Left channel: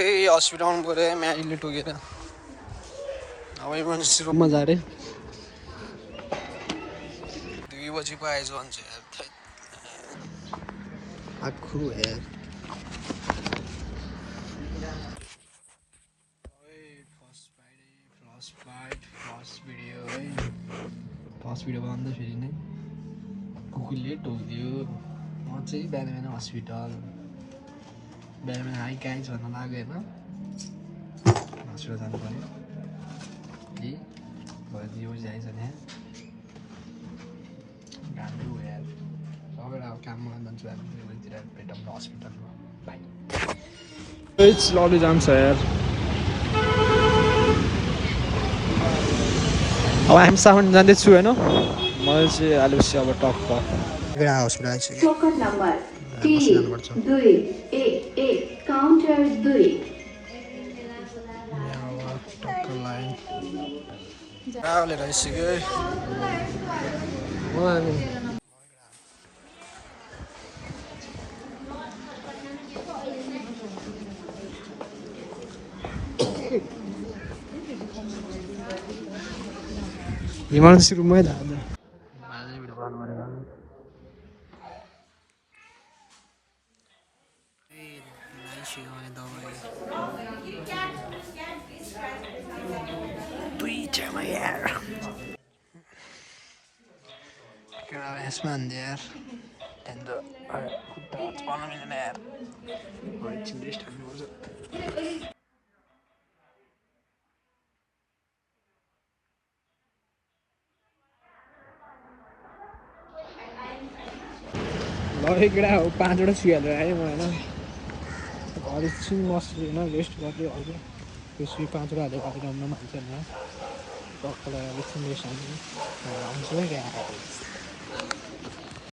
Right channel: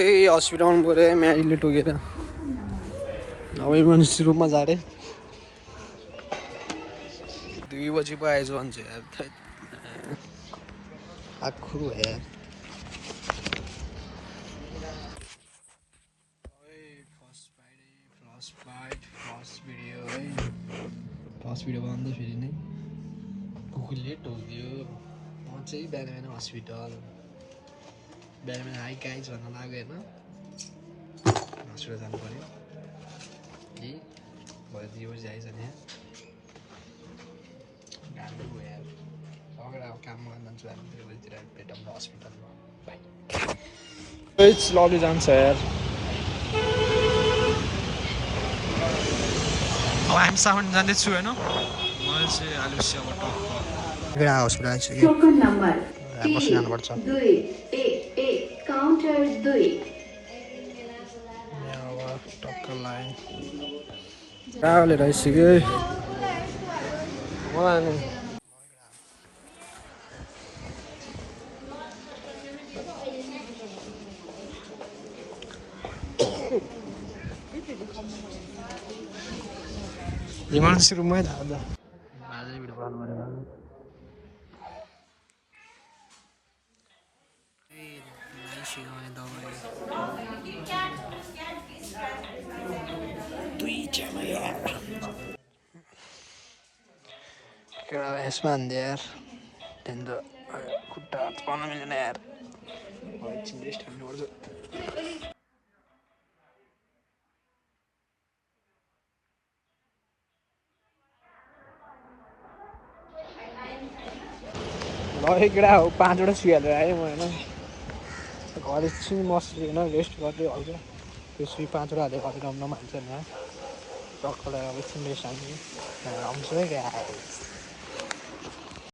hospital आउनु पऱ्यो है म्यारीले टोकेर अब इमर्जेन्सी रुममा जा रे 2 बजी पो आएछ भन्छ यार आखु यार फर्स्ट भिडियो बनाउँदा फेरि नै कुकुरले टोकिदियो म चाहिँ बिहान बिहान हस्पिटल बिहान बिहान हाई गाइज भन्न लाग्यो होइन हस्पिटल जानु पऱ्यो कि भरे 2 बजी आइज नि गाह्रो यार सबै अब काममा जान्छु हामी 2 बजीतिर भेटौँ न हस्पिटलमा बाई लबी जान्छ यार अब हामी सामान जाँदैछु होइन मलाई चाहिँ आलुसी अब टक्क टोकन नम्बर 3-2-1-1 काउन्टर 2 अब टक्क लाइन ट्राभलर आइसक्यो मलाई इमर्जेन्सी रुममै थाहा यसमा हान्दै यार खुट्टा हात मिलेन यार एकछिन रेस्ट हान्नुपर्छ केटा हो 5वटा सुईहालेर आएँ म होइन घर एकछिन बस्छु होइन रेस्ट गर्दै हल्का त्यो सुई 5वटा हालेर अलिक राम्रो मान्छ होइन टक्कलाई अब एकछिन रेस्ट हाल्छु है